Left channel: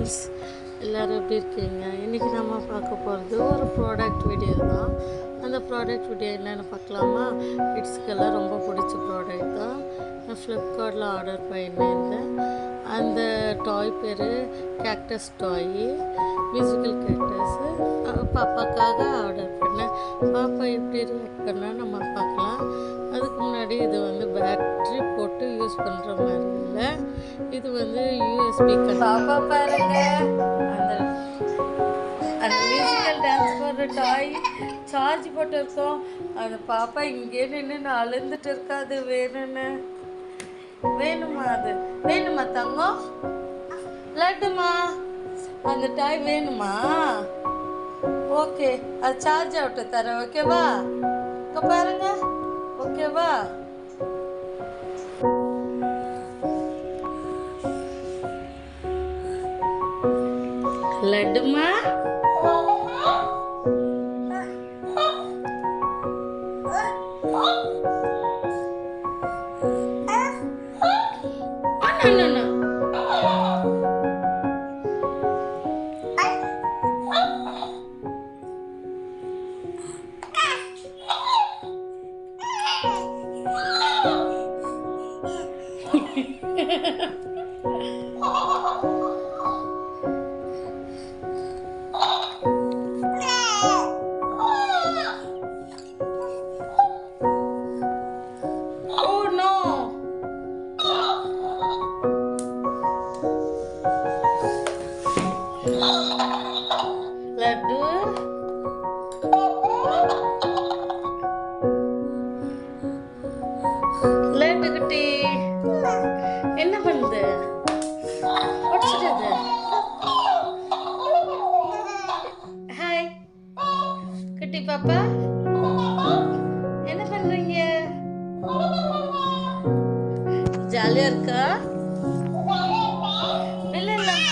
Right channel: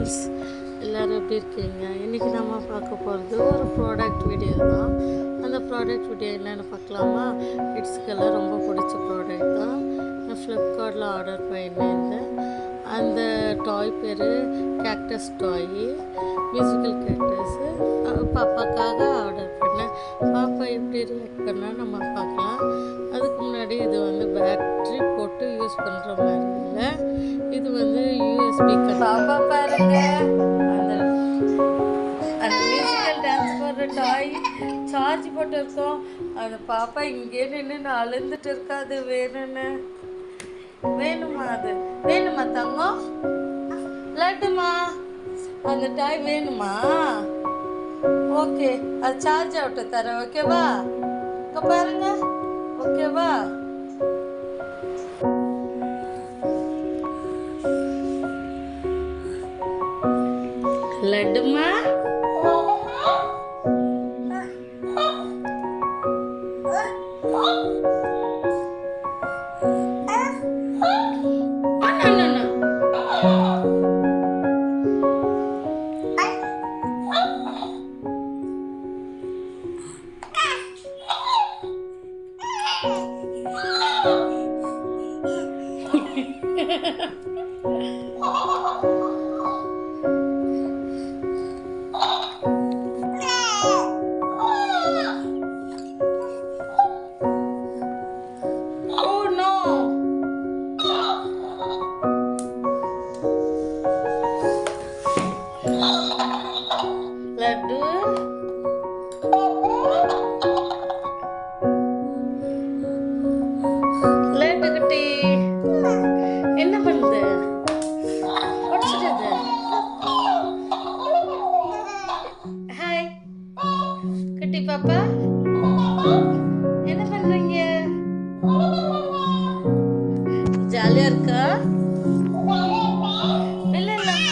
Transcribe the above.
Friends, எல்லோரும் எப்படி இருக்கீங்க? இன்றைக்கி நம்ம பார்க்க போகிறது ஒரு ப்ராடக்ட் வீடியோ தான். அந்த ப்ராடக்ட் வீடியோ என்னென்னு பார்க்கலாமா? கிட்ஸுக்கெல்லாம் ரொம்ப பிடிச்ச ப்ராடக்ட் தான். நான் ஃப்ளிப்கார்ட்டில் ஆர்டர் பண்ணியிருந்தேன். அந்த டாய் பேர் கேக்டஸ் டாய், மியூசிக்கல் கேக்டஸு. பாப்பாக்காக ஆர்டர் பண்ணேன். பாப்பா எப்படி ரியாக்ட் பண்ணால் நம்ம பார்க்கலாம். அதுக்கு முன்னாடி இது வந்து பேட்ரி போட்டு யூஸ் பண்ணுற மாதிரி இல்லை, இது வந்து யூஎஸ்பி. பாப்பா பாருங்க, அந்த அந்த மியூசிக்கல் டான்ஸ் போடுற டாய் சார்ஜ் போட்டு இருக்கோம். அந்த பாப்பா இங்கே நின்று அழுந்துட்டு இருக்கா. அது வேணும்னு வேணுமா? அது வேணுமா தங்கம்? லட்டுமா? அந்த டாய் வேணுமா? ஓகே, அது சார்ஜ் அவுட்டு தரேன். ஓகேவா? இங்கே பாருங்க. ஓகேவா? லட்டுமா? லட்டு லட்டு குட்டி என்ன பண்ணுது? உடச்சிடுது. ஹாய் குட்டி பாப்பா, என்ன பண்றீங்க? ஜாலியா இருக்கா? இல்ல இல்லம்மா,